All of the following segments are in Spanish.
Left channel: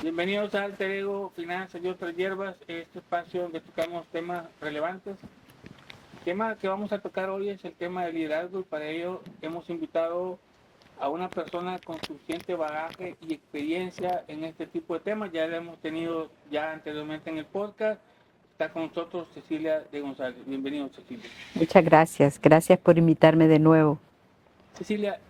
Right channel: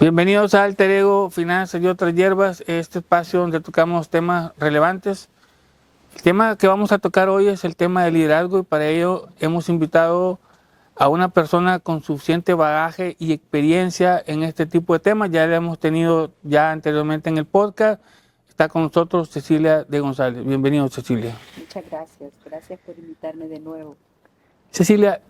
Bienvenidos a Alter Ego, Finanzas y otras hierbas, este espacio donde tocamos temas relevantes. El tema que vamos a tocar hoy es el tema del liderazgo y para ello hemos invitado a una persona con suficiente bagaje y experiencia en este tipo de temas. Ya la hemos tenido ya anteriormente en el podcast. Está con nosotros Cecilia de González. Bienvenido, Cecilia. Muchas gracias. Gracias por invitarme de nuevo. Cecilia,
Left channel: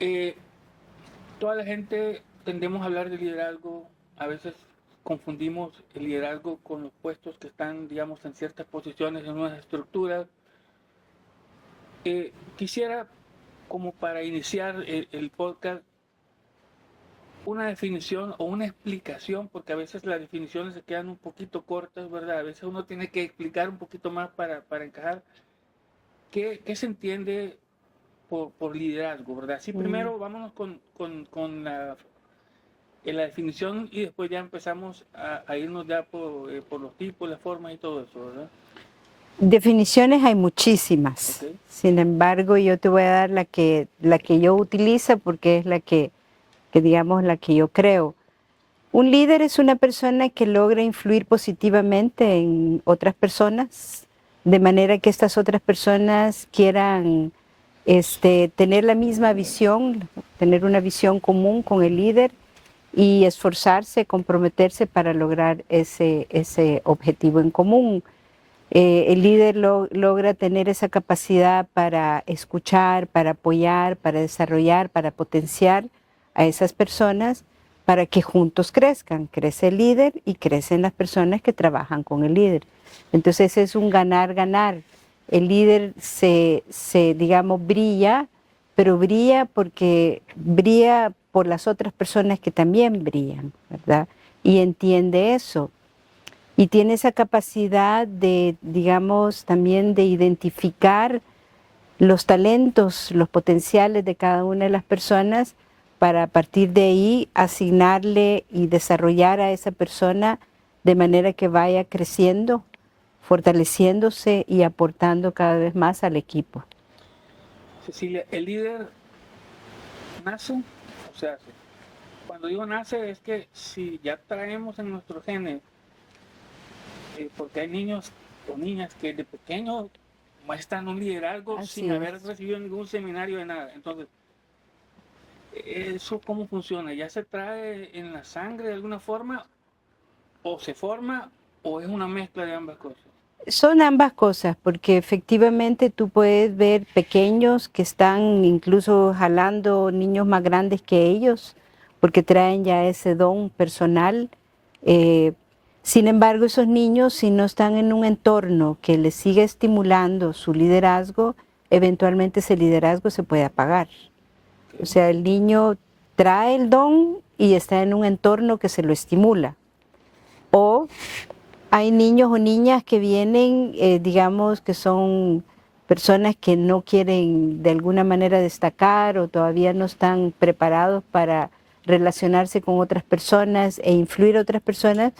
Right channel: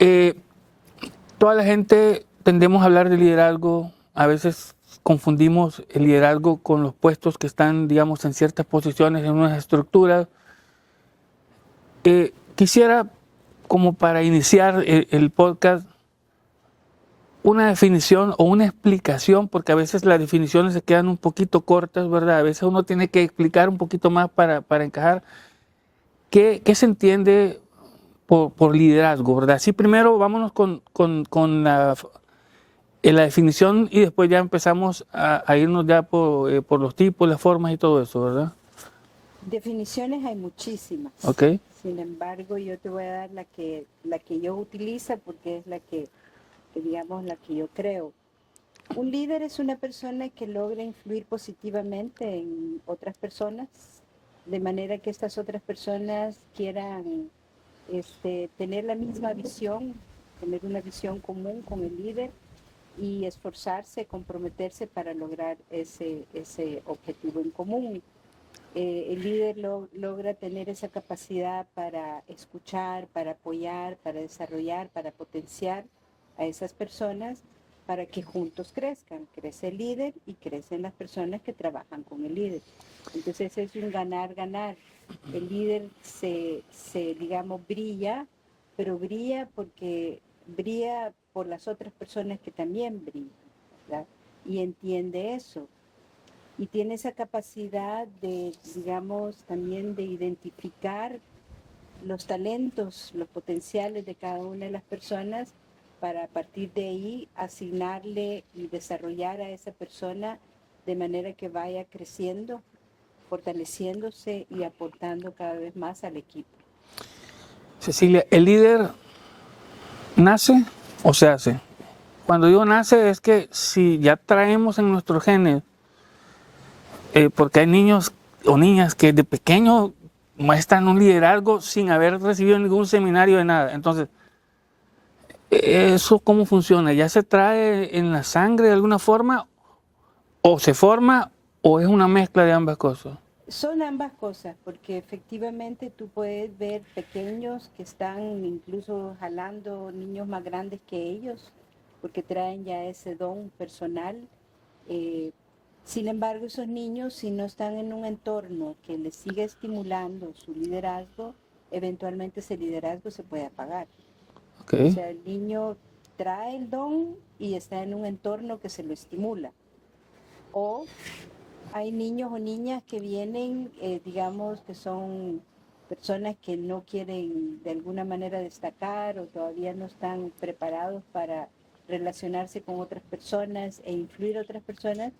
toda la gente tendemos a hablar de liderazgo. A veces confundimos el liderazgo con los puestos que están, digamos, en ciertas posiciones, en unas estructuras. Quisiera, como para iniciar el podcast, una definición o una explicación, porque a veces las definiciones se quedan un poquito cortas, ¿verdad? A veces uno tiene que explicar un poquito más para encajar qué se entiende por liderazgo, ¿verdad? Sí, primero vámonos con la definición y después ya empezamos a irnos ya por los tipos, las formas y todo eso, ¿verdad? Definiciones hay muchísimas. Ok. Sin embargo, yo te voy a dar la que yo utilizo porque es la que digamos, la que yo creo. Un líder es una persona que logra influir positivamente en otras personas, de manera que estas otras personas quieran tener la misma visión, tener una visión común con el líder y esforzarse, comprometerse para lograr ese objetivo en común. El líder logra tener esa capacidad para escuchar, para apoyar, para desarrollar, para potenciar a esas personas para que juntos crezcan. Crece el líder y crecen las personas que trabajan con el líder. Entonces es un ganar-ganar. El líder digamos, brilla, pero brilla porque brilla por las otras personas que también brillan, ¿verdad? Y entiende eso. Y tiene esa capacidad de, digamos, también de identificar los talentos, los potenciales de cada una de las personas para a partir de ahí asignarle y desarrollar a esa persona de manera que vaya creciendo, fortaleciéndose y aportando cada vez más al equipo. Cecilia, ¿el líder nace o se hace? Cuando digo nace es que si ya traemos en nuestros genes, porque hay niños o niñas que de pequeño muestran un liderazgo sin haber recibido ningún seminario de nada. Entonces, ¿eso cómo funciona? ¿Ya se trae en la sangre de alguna forma? ¿O se forma o es una mezcla de ambas cosas? Son ambas cosas, porque efectivamente tú puedes ver pequeños que están incluso jalando niños más grandes que ellos, porque traen ya ese don personal. Sin embargo, esos niños, si no están en un entorno que les siga estimulando su liderazgo, eventualmente ese liderazgo se puede apagar. Okay. O sea, el niño trae el don y está en un entorno que se lo estimula. O hay niños o niñas que vienen, digamos, que son personas que no quieren de alguna manera destacar o todavía no están preparados para relacionarse con otras personas e influir a otras personas,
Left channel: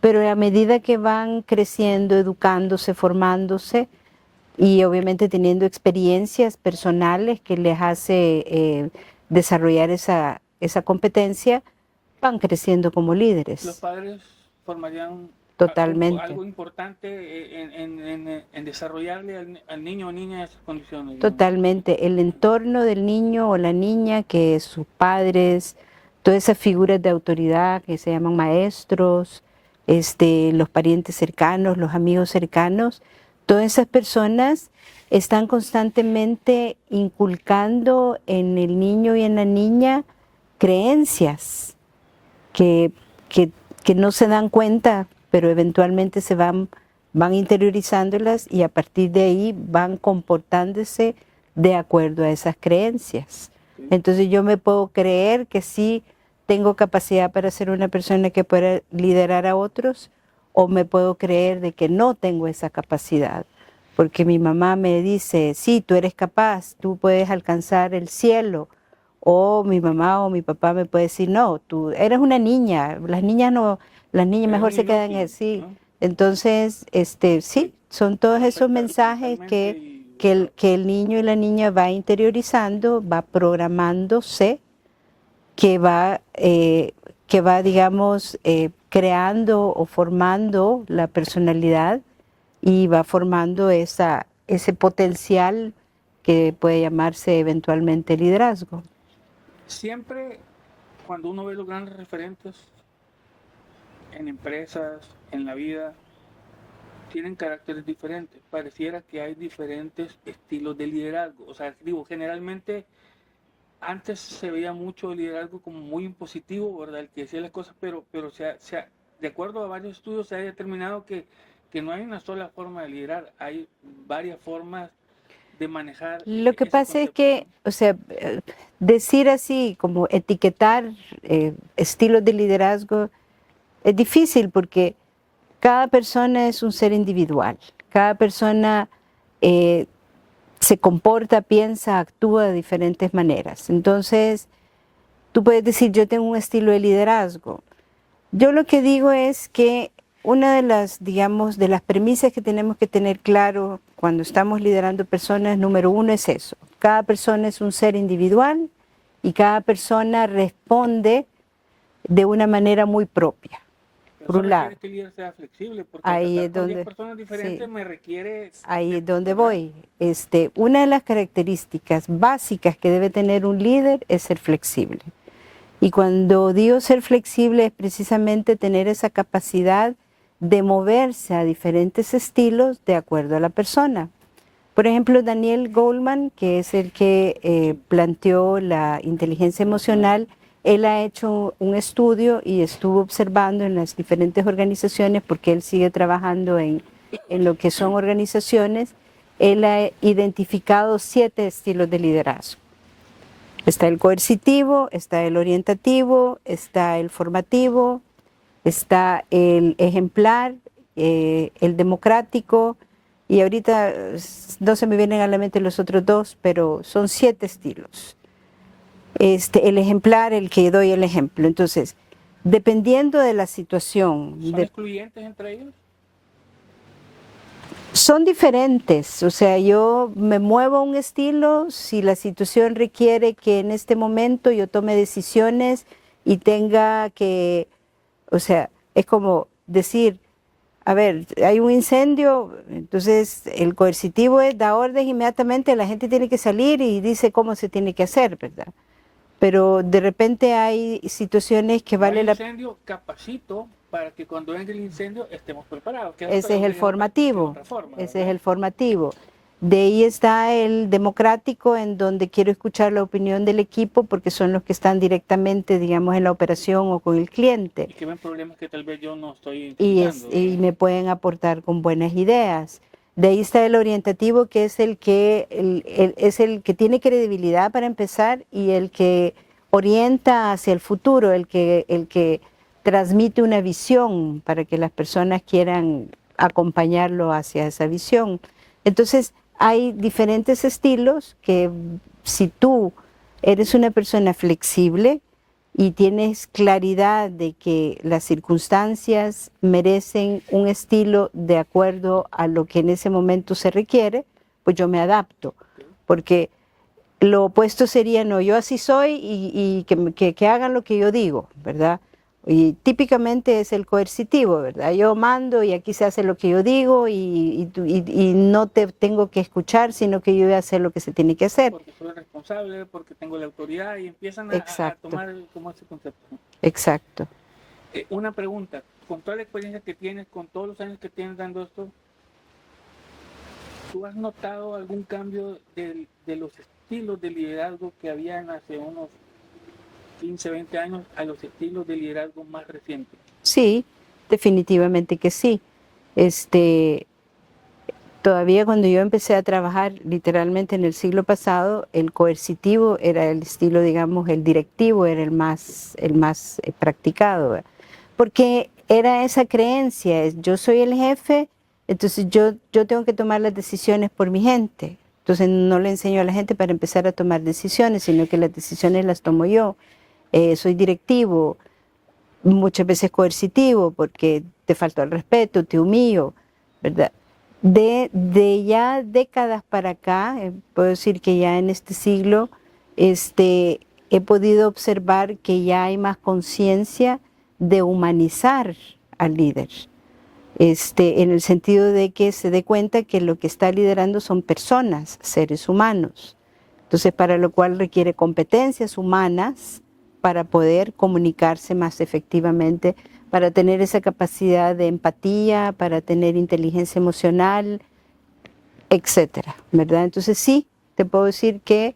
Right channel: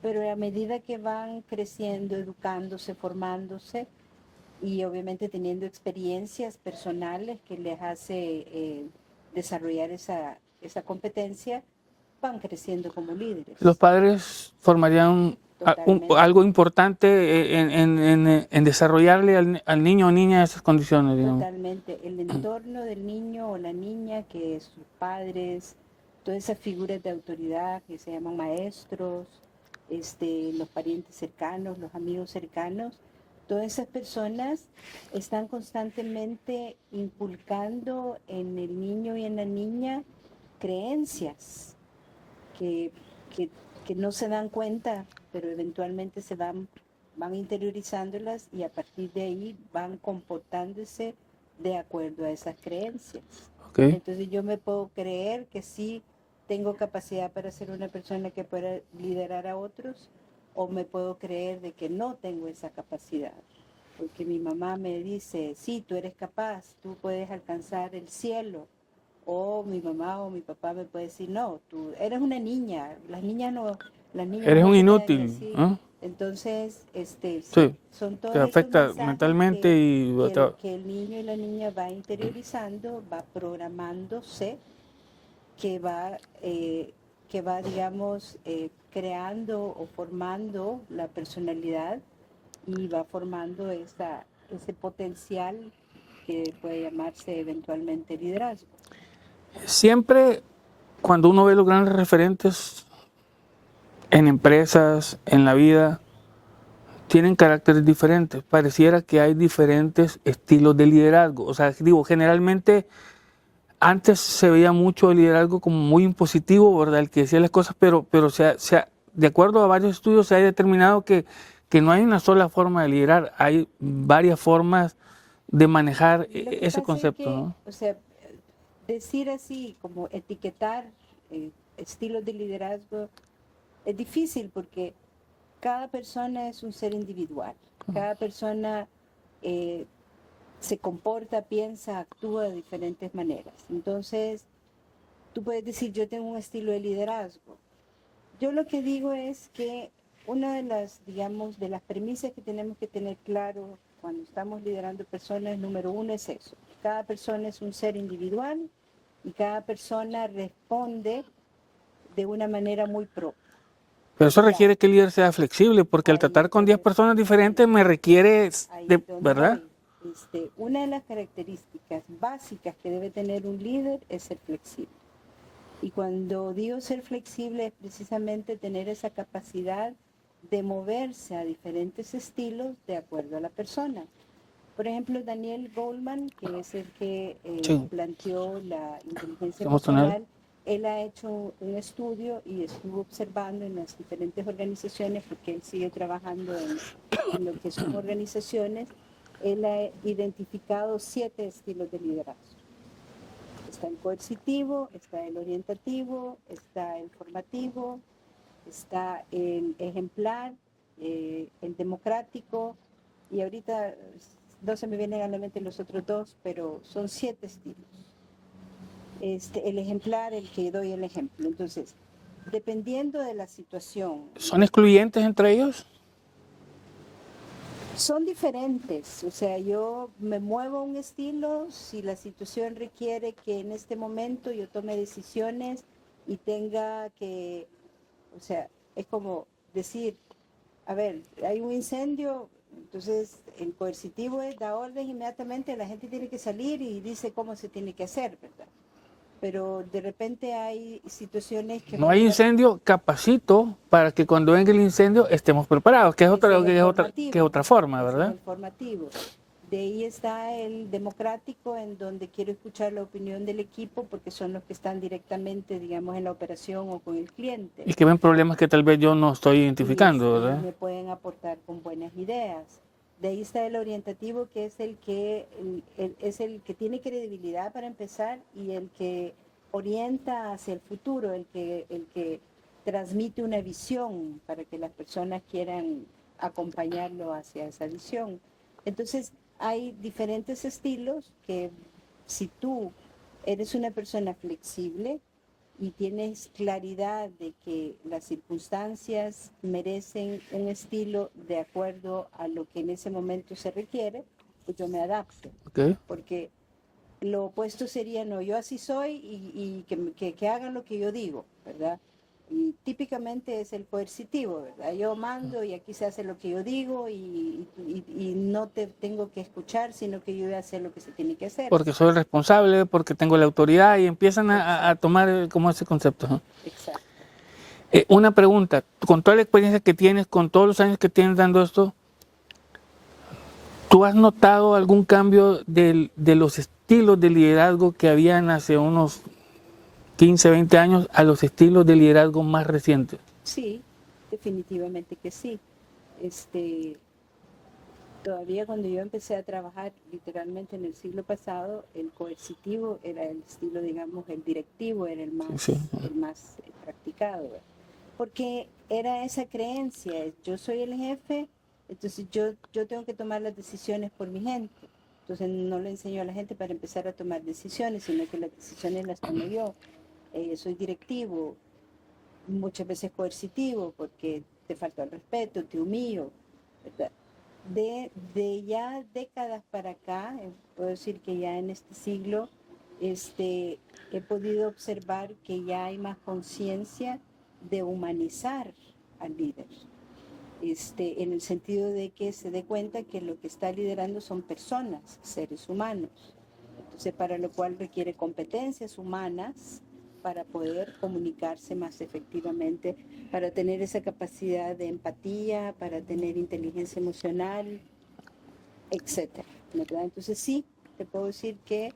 pero a medida que van creciendo, educándose, formándose y obviamente teniendo experiencias personales que les hace desarrollar esa competencia, van creciendo como líderes. Los padres formarían algo importante en desarrollarle al niño o niña esas condiciones. Digamos. Totalmente. El entorno del niño o la niña, que sus padres, todas esas figuras de autoridad que se llaman maestros, los parientes cercanos, los amigos cercanos, todas esas personas están constantemente inculcando en el niño y en la niña creencias que no se dan cuenta, pero eventualmente se van interiorizándolas y a partir de ahí van comportándose de acuerdo a esas creencias. Okay. Entonces yo me puedo creer que sí tengo capacidad para ser una persona que pueda liderar a otros, o me puedo creer de que no tengo esa capacidad, porque mi mamá me dice, sí, tú eres capaz, tú puedes alcanzar el cielo. O mi mamá o mi papá me puede decir, no, tú eres una niña, las niñas mejor se quedan así. ¿No? Entonces, sí, son todos esos mensajes que el niño y la niña va interiorizando, va programándose, que va digamos, creando o formando la personalidad y va formando ese potencial que puede llamarse eventualmente liderazgo. Siempre cuando uno ve los grandes referentes en empresas, en la vida, tienen caracteres diferentes. Pareciera que hay diferentes estilos de liderazgo. O sea, digo, generalmente antes se veía mucho el liderazgo como muy impositivo, ¿verdad? El que decía las cosas, pero de acuerdo a varios estudios se ha determinado que no hay una sola forma de liderar, hay varias formas de manejar Lo que ese pasa concepto, es que, ¿no? o sea, decir así, como etiquetar estilos de liderazgo es difícil porque cada persona es un ser individual, cada persona se comporta, piensa, actúa de diferentes maneras. Entonces, tú puedes decir, yo tengo un estilo de liderazgo. Yo lo que digo es que una de las, digamos, de las premisas que tenemos que tener claro cuando estamos liderando personas, número uno es eso. Cada persona es un ser individual y cada persona responde de una manera muy propia. Pero Por eso un lado. requiere que el líder sea flexible, porque al Ahí tratar es con 10 donde- personas diferentes sí. me requiere, Ahí es donde ¿verdad? voy. Una de las características básicas que debe tener un líder es ser flexible. Y cuando digo ser flexible es precisamente tener esa capacidad de moverse a diferentes estilos de acuerdo a la persona. Por ejemplo, Daniel Goleman, que es el que Sí. planteó la inteligencia emocional, él ha hecho un estudio y estuvo observando en las diferentes organizaciones, porque él sigue trabajando en lo que son organizaciones, él ha identificado 7 estilos de liderazgo. Está el coercitivo, está el orientativo, está el formativo, está el ejemplar, el democrático, y ahorita no se me vienen a la mente los otros 2, pero son 7 estilos. El ejemplar, el que doy el ejemplo. Entonces, dependiendo de la situación. ¿Son excluyentes entre ellos? Son diferentes, o sea, yo me muevo a un estilo si la situación requiere que en este momento yo tome decisiones y tenga que, o sea, es como decir, a ver, hay un incendio, entonces el coercitivo es da orden inmediatamente, la gente tiene que salir y dice cómo se tiene que hacer, ¿verdad? Pero de repente hay situaciones que No hay vale la pena. incendio, capacito para que cuando venga el incendio estemos preparados, que es Ese otra, es el que es formativo. otra forma, Ese ¿verdad? es el formativo. De ahí está el democrático, en donde quiero escuchar la opinión del equipo porque son los que están directamente, digamos, en la operación o con el cliente. Y que ven problemas que tal vez yo no estoy identificando, Y ¿verdad? me pueden aportar con buenas ideas. De ahí está el orientativo, que es el que, es el que tiene credibilidad para empezar y el que orienta hacia el futuro, el que transmite una visión para que las personas quieran acompañarlo hacia esa visión. Entonces, hay diferentes estilos que si tú eres una persona flexible y tienes claridad de que las circunstancias merecen un estilo de acuerdo a lo que en ese momento se requiere, pues yo me adapto. Okay. Porque lo opuesto sería, no, yo así soy y que hagan lo que yo digo, ¿verdad? Y típicamente es el coercitivo, ¿verdad? Yo mando y aquí se hace lo que yo digo y no te tengo que escuchar, sino que yo voy a hacer lo que se tiene que hacer. Porque soy el responsable, porque tengo la autoridad y empiezan a tomar como ese concepto, ¿no? Exacto. Una pregunta, con toda la experiencia que tienes, con todos los años que tienes dando esto, ¿tú has notado algún cambio de los estilos de liderazgo que habían hace unos 15, 20 años a los estilos de liderazgo más recientes? Sí, definitivamente que sí. Todavía cuando yo empecé a trabajar literalmente en el siglo pasado, el coercitivo era el estilo, digamos, el directivo era el más, Sí. practicado, ¿verdad? Porque era esa creencia, yo soy el jefe, entonces yo tengo que tomar las decisiones por mi gente. Entonces no le enseño a la gente para empezar a tomar decisiones, sino que las decisiones las tomo yo. Soy directivo, muchas veces coercitivo, porque te faltó el respeto, te humillo, ¿verdad? De ya décadas para acá, puedo decir que ya en este siglo, he podido observar que ya hay más conciencia de humanizar al líder, en el sentido de que se dé cuenta que lo que está liderando son personas, seres humanos. Entonces, para lo cual requiere competencias humanas para poder comunicarse más efectivamente, para tener esa capacidad de empatía, para tener inteligencia emocional, etcétera, ¿verdad? Entonces sí, te puedo decir que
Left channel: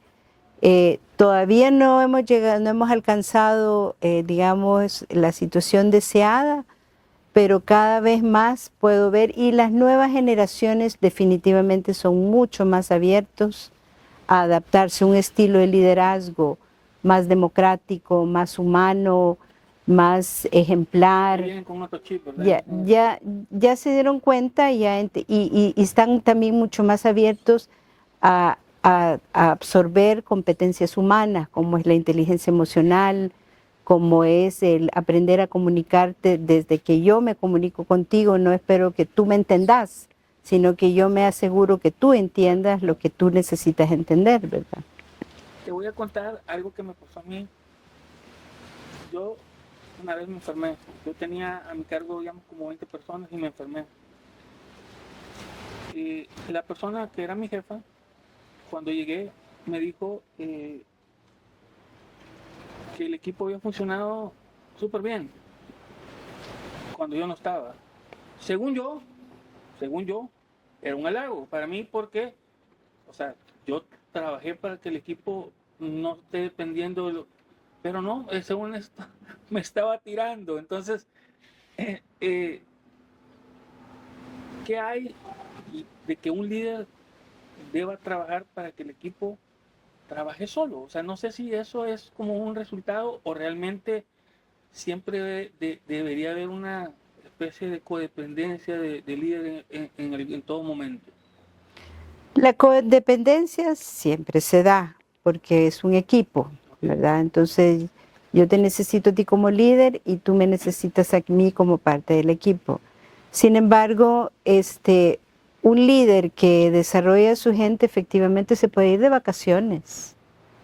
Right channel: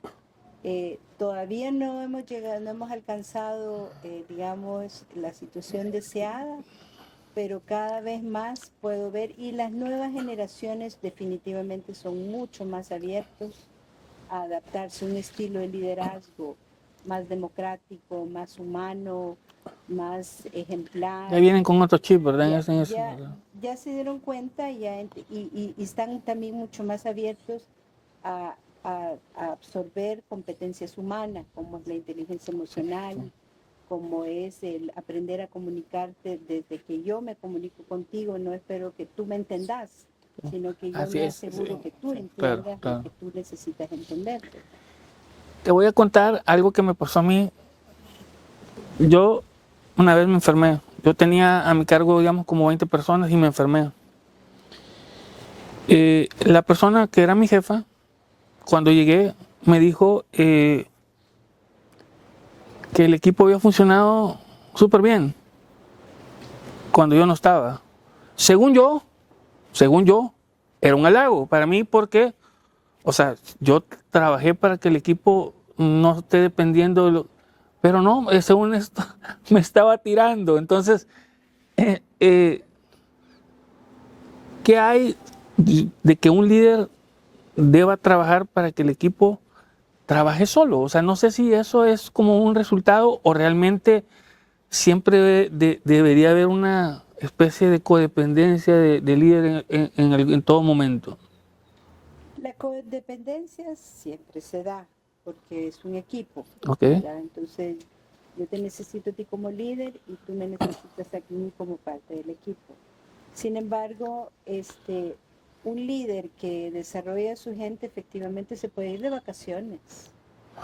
todavía no hemos llegado, no hemos alcanzado, digamos, la situación deseada, pero cada vez más puedo ver, y las nuevas generaciones definitivamente son mucho más abiertos a adaptarse a un estilo de liderazgo más democrático, más humano, más ejemplar. Ahí vienen con otro chip, ¿verdad? Ya se dieron cuenta y están también mucho más abiertos a absorber competencias humanas, como es la inteligencia emocional, como es el aprender a comunicarte. Desde que yo me comunico contigo, no espero que tú me entendas, sino que yo me aseguro que tú entiendas lo que tú necesitas entender, ¿verdad? Te voy a contar algo que me pasó a mí. Yo una vez me enfermé. Yo tenía a mi cargo, digamos, como 20 personas y me enfermé. La persona que era mi jefa, cuando llegué, me dijo que el equipo había funcionado súper bien cuando yo no estaba. Según yo, era un halago para mí porque, o sea, yo trabajé para que el equipo no esté dependiendo de lo... Pero no, según esto, me estaba tirando. Entonces, ¿qué hay de que un líder deba trabajar para que el equipo trabaje solo? O sea, no sé si eso es como un resultado o realmente siempre debería haber una especie de codependencia de líder en todo momento. La codependencia siempre se da porque es un equipo, ¿verdad? Entonces, yo te necesito a ti como líder y tú me necesitas a mí como parte del equipo. Sin embargo, un líder que desarrolla a su gente efectivamente se puede ir de vacaciones,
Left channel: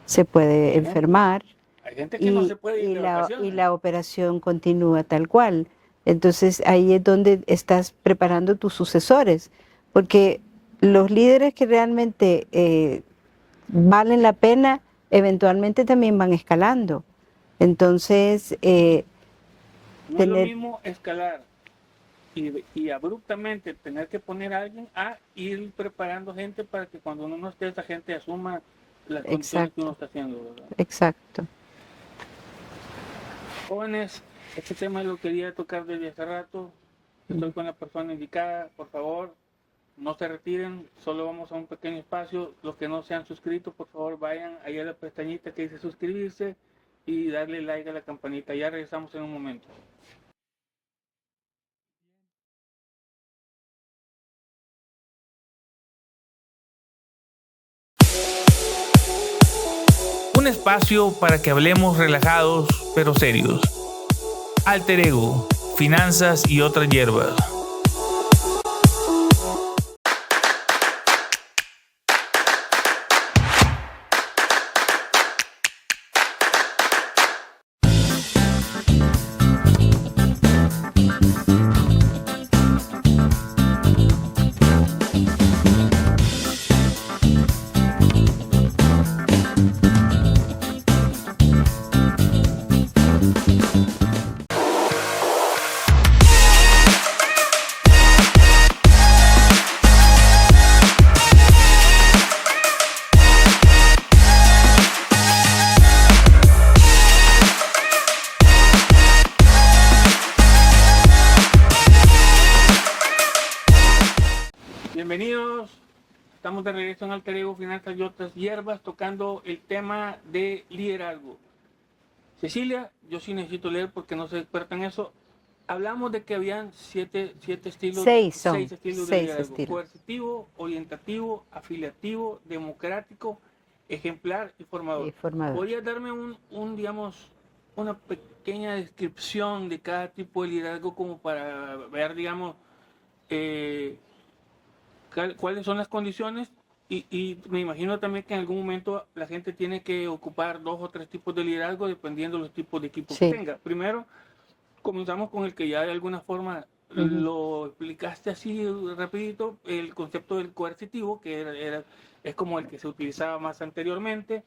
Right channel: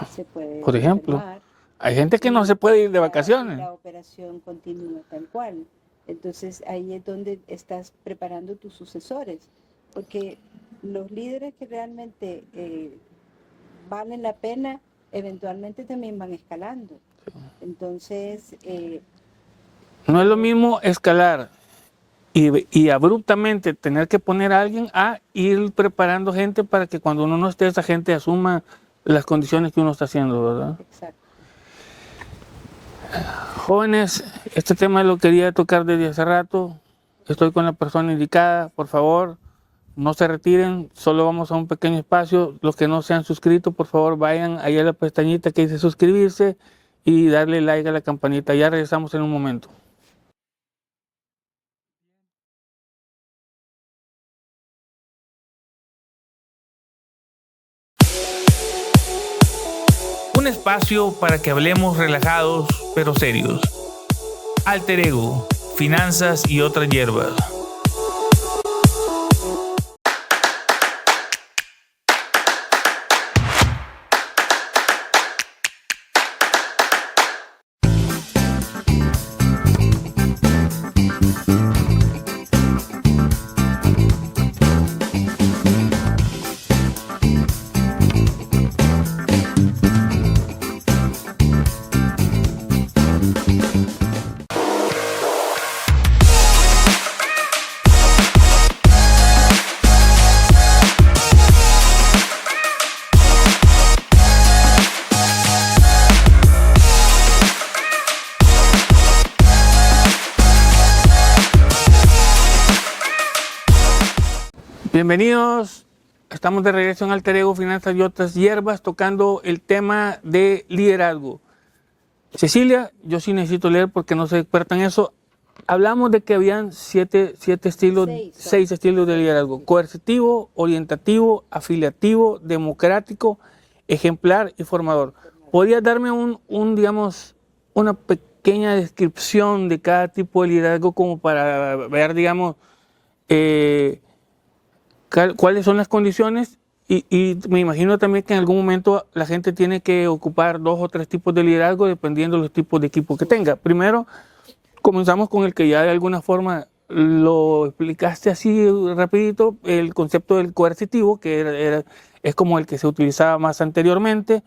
se puede enfermar. Hay gente que no se puede ir de vacaciones. Y la operación continúa tal cual. Entonces ahí es donde estás preparando tus sucesores, porque los líderes que realmente valen la pena eventualmente también van escalando. Entonces... no es lo mismo escalar y abruptamente tener que poner a alguien a ir preparando gente para que cuando uno no esté, esa gente asuma las condiciones que uno está haciendo, ¿verdad? Exacto. Jóvenes, este tema lo quería tocar desde hace rato. Estoy con la persona indicada. Por favor, no se retiren. Solo vamos a un pequeño espacio. Los que no se han suscrito, por favor, vayan ahí a la pestañita que dice suscribirse y darle like a la campanita. Ya regresamos en un momento. Un espacio para que hablemos relajados pero serios. Alter Ego, finanzas y otras hierbas. Bienvenidos, estamos de regreso en Alter Ego, Finanzas y otras hierbas, tocando el tema de liderazgo. Cecilia, yo sí necesito leer porque no soy experta en eso. Hablamos de que habían seis estilos de liderazgo: coercitivo, orientativo, afiliativo, democrático, ejemplar y formador. ¿Podrías darme digamos, una pequeña descripción de cada tipo de liderazgo como para ver, digamos, cuáles son las condiciones? Y me imagino también que en algún momento la gente tiene que ocupar 2 o 3 tipos de liderazgo dependiendo de los tipos de equipo que tenga. Primero, Comenzamos con el que ya de alguna forma lo explicaste así rapidito, el concepto del coercitivo, que es como el que se utilizaba más anteriormente,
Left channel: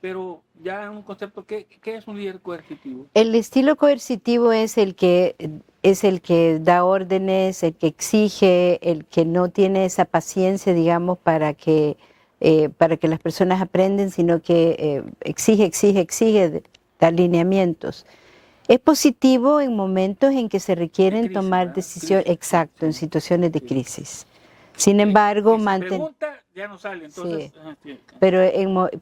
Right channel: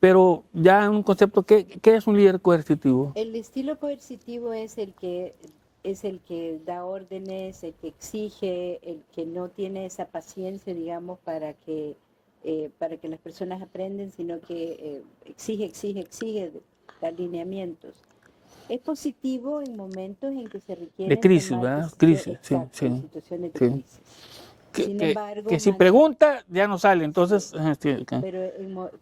pero ya un concepto, ¿qué es un líder coercitivo? El estilo coercitivo es el que da órdenes, el que exige, el que no tiene esa paciencia, digamos, para que las personas aprenden, sino que exige, da alineamientos. Es positivo en momentos en que se requieren De crisis, tomar ¿verdad? decisiones, Crisis, sí, exacto, en sí, situaciones de sí. crisis. Sin embargo, que si pregunta, ya no sale, entonces... Sí. Sí, ok.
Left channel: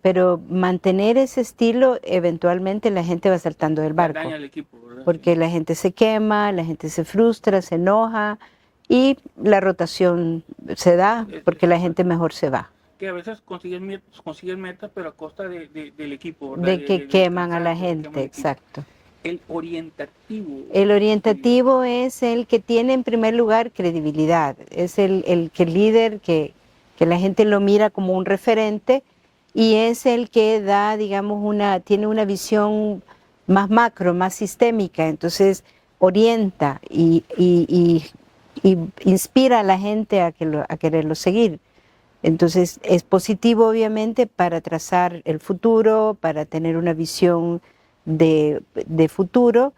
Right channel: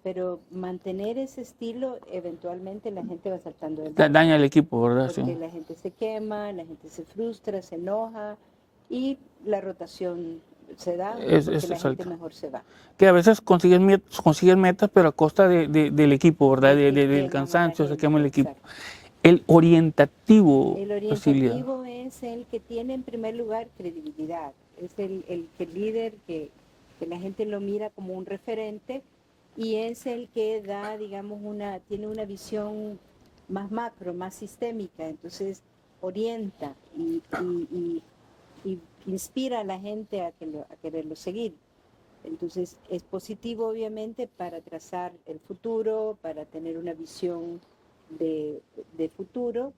Pero mantener ese estilo, eventualmente la gente va saltando del barco. Daña el equipo, ¿verdad? Porque Sí. la gente se quema, la gente se frustra, se enoja y la rotación se da porque la gente mejor se va. Que a veces consiguen metas, pero a costa del equipo, ¿verdad? De que Del queman a la cansancio, se quema gente, el equipo. exacto. El orientativo. El Cecilia. orientativo es el que tiene en primer lugar credibilidad, es el líder que la gente lo mira como un referente y es el que da, digamos, tiene una visión más macro, más sistémica, entonces orienta y inspira a la gente a quererlo seguir. Entonces es positivo obviamente para trazar el futuro, para tener una visión de futuro,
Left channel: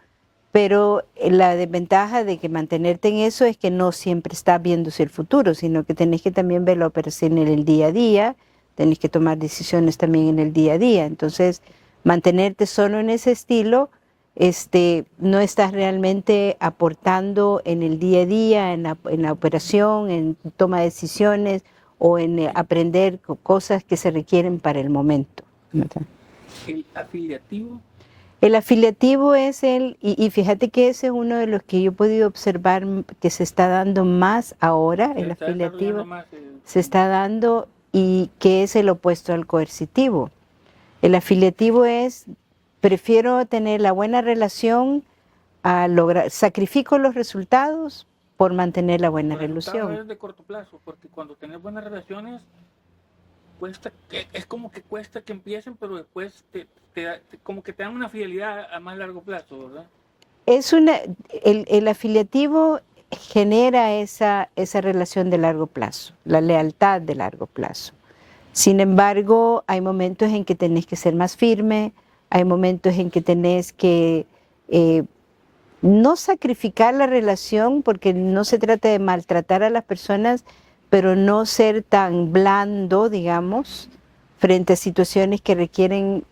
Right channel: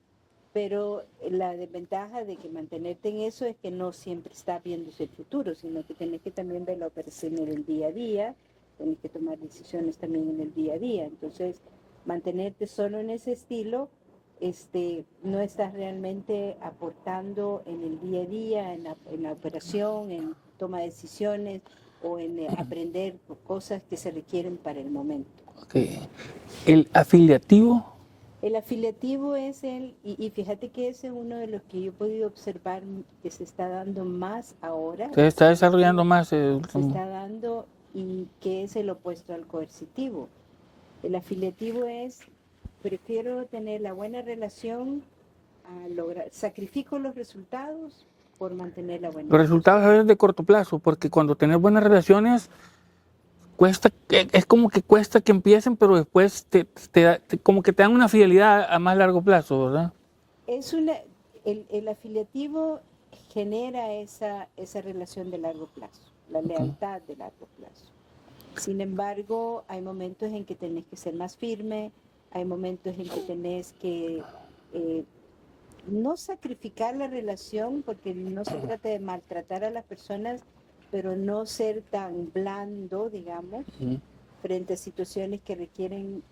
pero la desventaja de que mantenerte en eso es que no siempre está viéndose el futuro, sino que tenés que también ver la operación en el día a día, tenés que tomar decisiones también en el día a día. Entonces, mantenerte solo en ese estilo, no estás realmente aportando en el día a día, en la operación, en toma de decisiones o en aprender cosas que se requieren para el momento. Okay. El afiliativo. El afiliativo es y fíjate que ese es uno de los que yo he podido observar que se está dando más ahora. Se está desarrollando más. Se está dando y que es el opuesto al coercitivo. El afiliativo es, prefiero tener la buena relación a lograr, sacrifico los resultados por mantener la buena relación. Los resultados a veces de corto plazo, porque cuando tenés buenas relaciones, es como que cuesta que empiecen, pero después como que te dan una fidelidad a más largo plazo, ¿verdad? El afiliativo genera esa relación de largo plazo, la lealtad de largo plazo. Sin embargo, hay momentos en que tenés que ser más firme, hay momentos en que tenés que no sacrificar la relación, porque no se trata de maltratar a las personas, pero no ser tan blando, digamos, frente a situaciones que requieren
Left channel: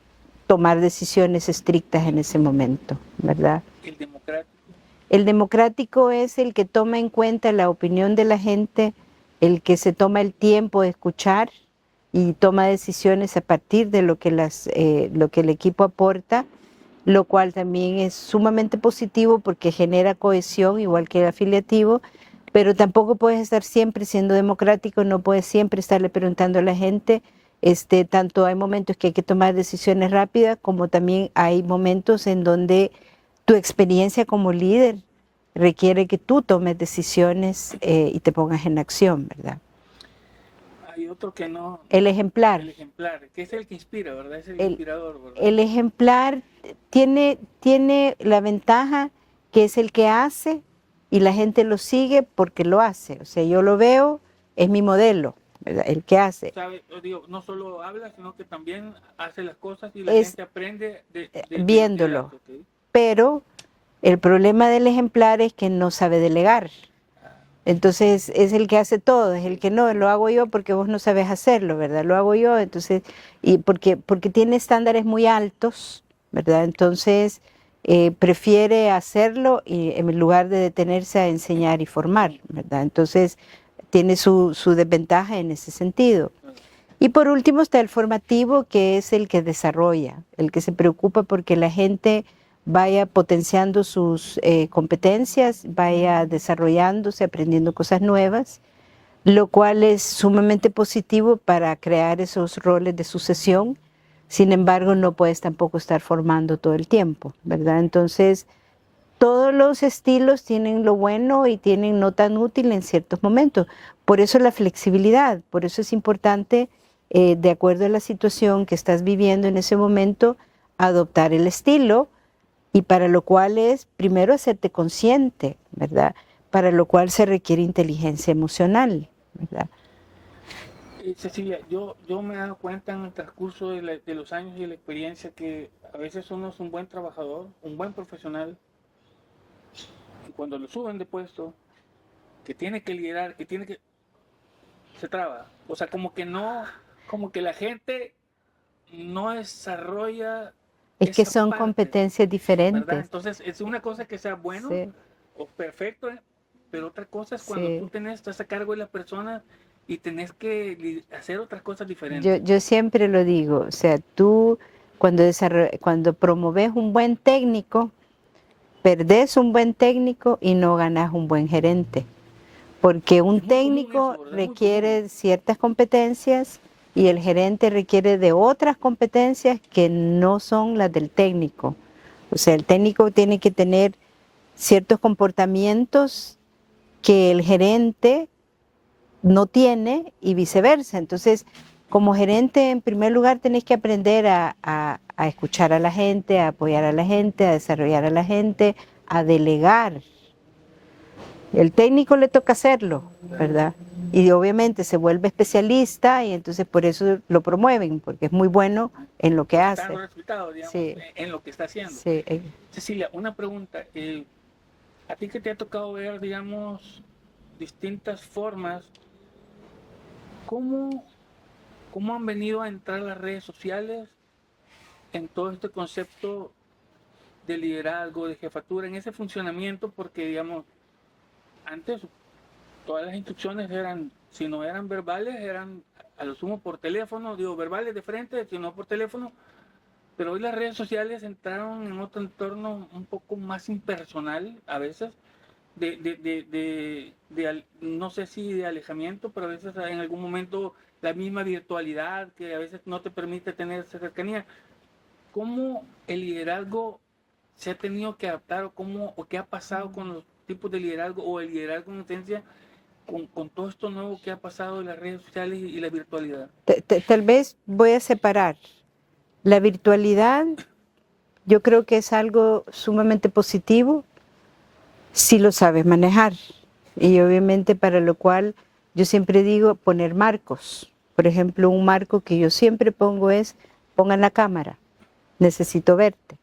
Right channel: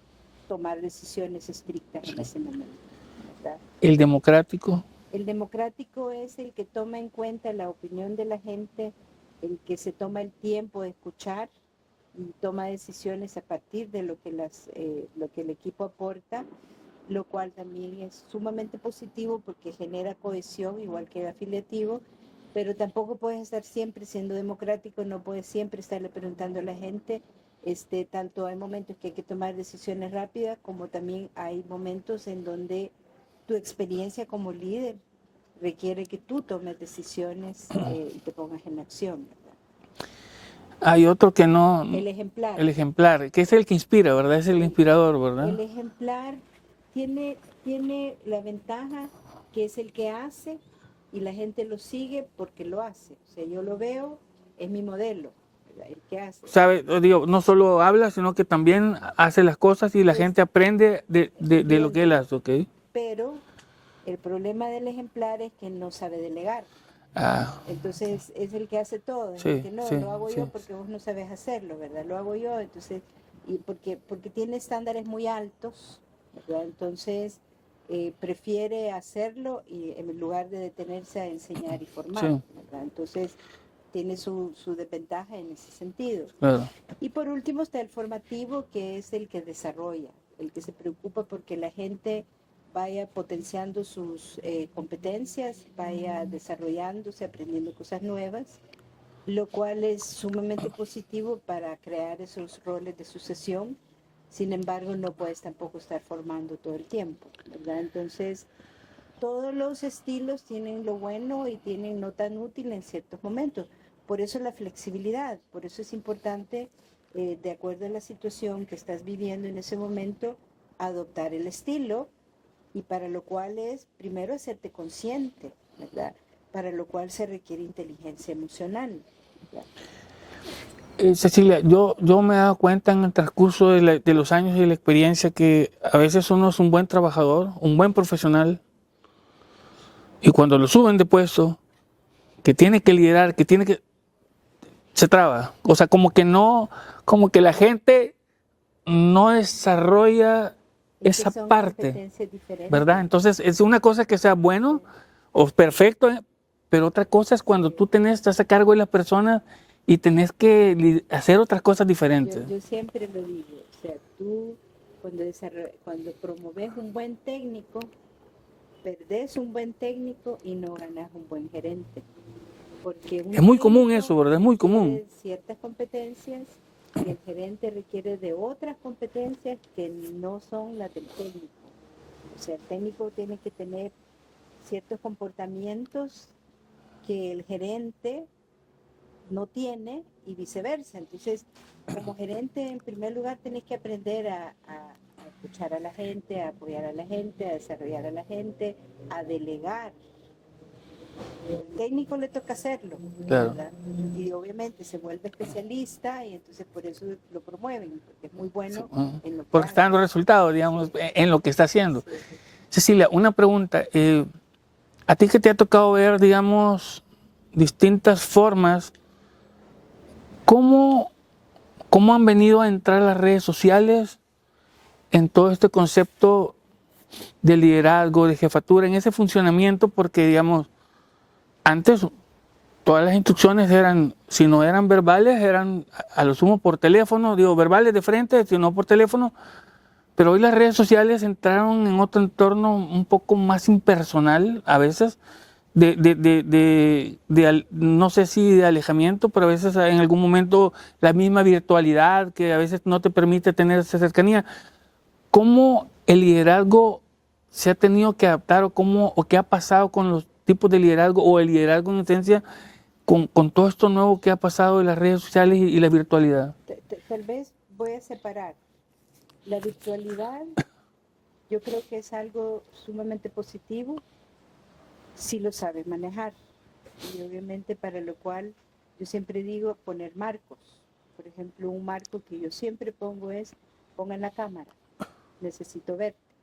tomar decisiones estrictas en ese momento, ¿verdad? El democrático. El democrático es el que toma en cuenta la opinión de la gente, el que se toma el tiempo de escuchar y toma decisiones a partir de lo que el equipo aporta, lo cual también es sumamente positivo porque genera cohesión, igual que el afiliativo, pero tampoco puedes estar siempre siendo democrático, no puedes siempre estarle preguntando a la gente. Tanto hay momentos que hay que tomar decisiones rápidas, como también hay momentos en donde tu experiencia como líder requiere que tú tomes decisiones y te pongas en acción, ¿verdad? Hay otro que no... El ejemplar. El ejemplar, que es el que inspira, ¿verdad? Es el inspirador, ¿verdad? El ejemplar tiene la ventaja que es el que hace y la gente lo sigue porque lo hace. O sea, yo lo veo, es mi modelo, ¿verdad? El que hace. ¿Sabe? Digo, no solo habla, sino que también hace las cosas y la gente aprende de lo que él hace, ¿ok? Pero el problema del ejemplar es que no sabe delegar. Entonces es el que hace todo, es el que no, lo hago yo porque vos no sabes hacerlo, ¿verdad? Lo hago yo, entonces, y porque tiene estándares muy altos, ¿verdad? Entonces prefiere hacerlo y en lugar de detenerse a enseñar y formar, ¿verdad? Entonces tiene su desventaja en ese sentido. Claro. Y por último está el formativo, que es el que desarrolla, el que se preocupa porque la gente vaya potenciando sus competencias, vaya desarrollándose, aprendiendo cosas nuevas, lo cual es sumamente positivo para crear esos roles de sucesión. Sin embargo, no puedes tampoco estar formando todo el tiempo, ¿verdad? Entonces, todos los estilos tienen lo bueno y tienen no tan útil en ciertos momentos. Por eso la flexibilidad, por eso es importante, de acuerdo a la situación que estás viviendo en ese momento, adoptar el estilo, y para lo cual es primero hacerte consciente, ¿verdad? Para lo cual se requiere inteligencia emocional, ¿verdad? Cecilia, yo me he dado cuenta en el transcurso de los años y de la experiencia que a veces uno es un buen trabajador, un buen profesional, y cuando lo suben de puesto, que tiene que liderar, se traba. O sea, como que no, como que la gente no desarrolla Es que esa son parte, competencias diferentes. ¿verdad? Entonces, es una cosa que sea bueno Sí, o perfecto, pero otra cosa es cuando sí. tú estás a cargo de la persona y tenés que hacer otras cosas diferentes. Yo siempre lo digo, o sea, tú cuando promoves un buen técnico, perdés un buen técnico y no ganas un buen gerente. Porque un Es muy común eso, técnico ¿verdad? Es muy común. requiere ciertas competencias y el gerente requiere de otras competencias que no son las del técnico. O sea, el técnico tiene que tener ciertos comportamientos que el gerente no tiene y viceversa. Entonces, como gerente, en primer lugar, tenés que aprender a escuchar a la gente, a apoyar a la gente, a desarrollar a la gente, a delegar. El técnico le toca hacerlo, Claro. ¿verdad? Y obviamente se vuelve especialista y entonces por eso lo promueven, porque es muy bueno en lo que Porque están hace. los resultados, digamos, Sí, en lo que está haciendo. sí. Cecilia, una pregunta. ¿A ti que te ha tocado ver, digamos, distintas formas, cómo, cómo han venido a entrar las redes sociales en todo este concepto de liderazgo, de jefatura, en ese funcionamiento? Porque, digamos, antes todas las instrucciones eran, si no eran verbales, eran a lo sumo por teléfono, digo, verbales de frente, si no por teléfono. Pero hoy las redes sociales entraron en otro entorno un poco más impersonal a veces, no sé si de alejamiento, pero a veces en algún momento la misma virtualidad que a veces no te permite tener esa cercanía. ¿Cómo el liderazgo se ha tenido que adaptar o qué ha pasado con los tipos de liderazgo o el liderazgo en esencia con todo esto nuevo que ha pasado de las redes sociales y la virtualidad? Tal vez voy a separar. La virtualidad yo creo que es algo sumamente positivo si lo sabes manejar. Y obviamente para lo cual yo siempre digo poner marcos. Por ejemplo, un marco que yo siempre pongo es, pongan la cámara, necesito verte.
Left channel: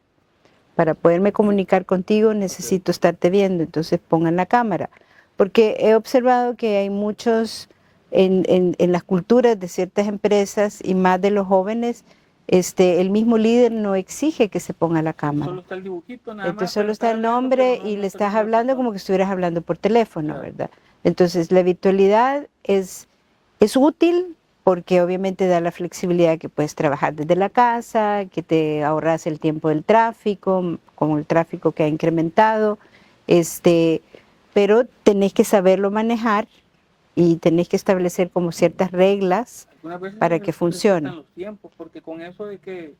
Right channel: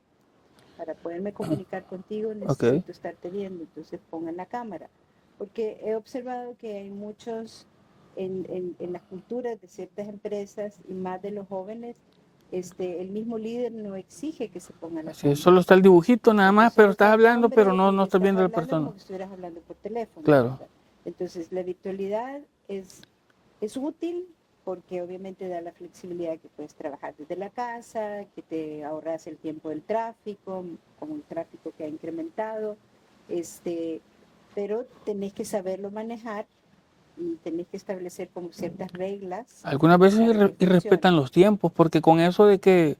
Para poderme comunicar contigo necesito estarte viendo, entonces pongan la cámara. Porque he observado que hay muchos en las culturas de ciertas empresas y más de los jóvenes, el mismo líder no exige que se ponga la Sí, cámara. solo está el dibujito nada más, Entonces, pero solo está estás el hablando, pero nombre y no le estás estás viendo a la hablando como persona. que estuvieras hablando por teléfono, Claro. ¿verdad? Entonces, la virtualidad es útil porque obviamente da la flexibilidad que puedes trabajar desde la casa, que te ahorras el tiempo del tráfico, con el tráfico que ha incrementado, pero tenés que saberlo manejar y tenés que establecer como ciertas reglas Algunas veces para que y respetan funcione. los tiempos, porque con eso de que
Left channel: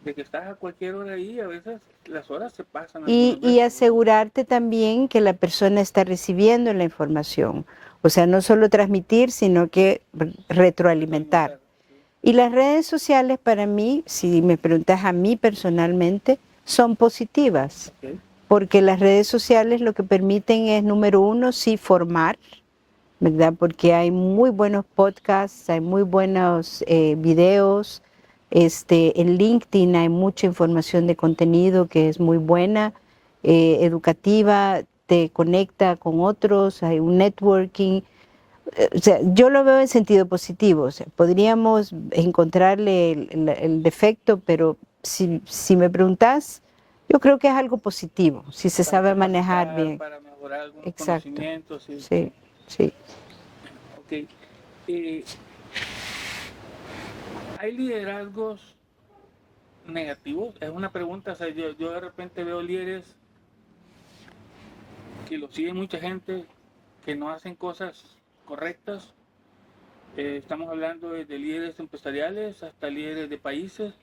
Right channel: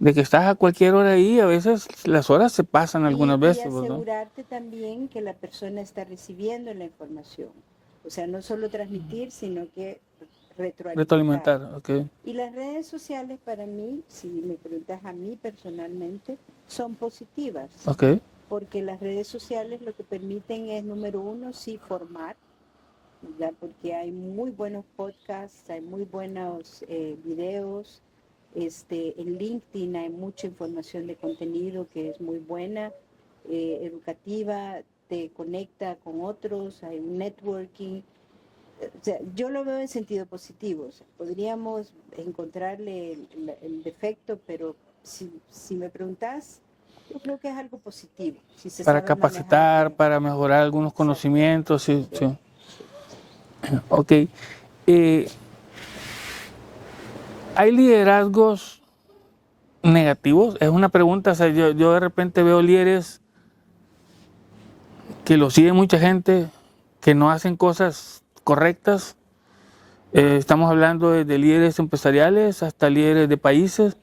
estás a cualquier hora ahí, a veces las horas se pasan algunas Y veces, ¿verdad? asegurarte también que la persona está recibiendo la información. O sea, no solo transmitir, sino que retroalimentar. Retroalimentar, ok. Y las redes sociales para mí, si me preguntas a mí personalmente, son positivas. Ok. Porque las redes sociales lo que permiten es, número uno, sí formar, ¿verdad? Porque hay muy buenos podcasts, hay muy buenos videos. En LinkedIn hay mucha información de contenido que es muy buena, educativa, te conecta con otros, hay un networking. O sea, yo lo veo en sentido positivo. O sea, podríamos encontrarle el defecto, pero si me preguntas, yo creo que es algo positivo, si se Para sabe manejar capacitar, bien. para mejorar algunos Exacto. conocimientos, sí, sí. Sí, sí. Ok. ¿Hay liderazgos negativos? Es una pregunta, o sea, yo de repente veo líderes que lo sigue mucha gente, que no hacen cosas correctas. Estamos hablando de líderes empresariales hasta líderes de países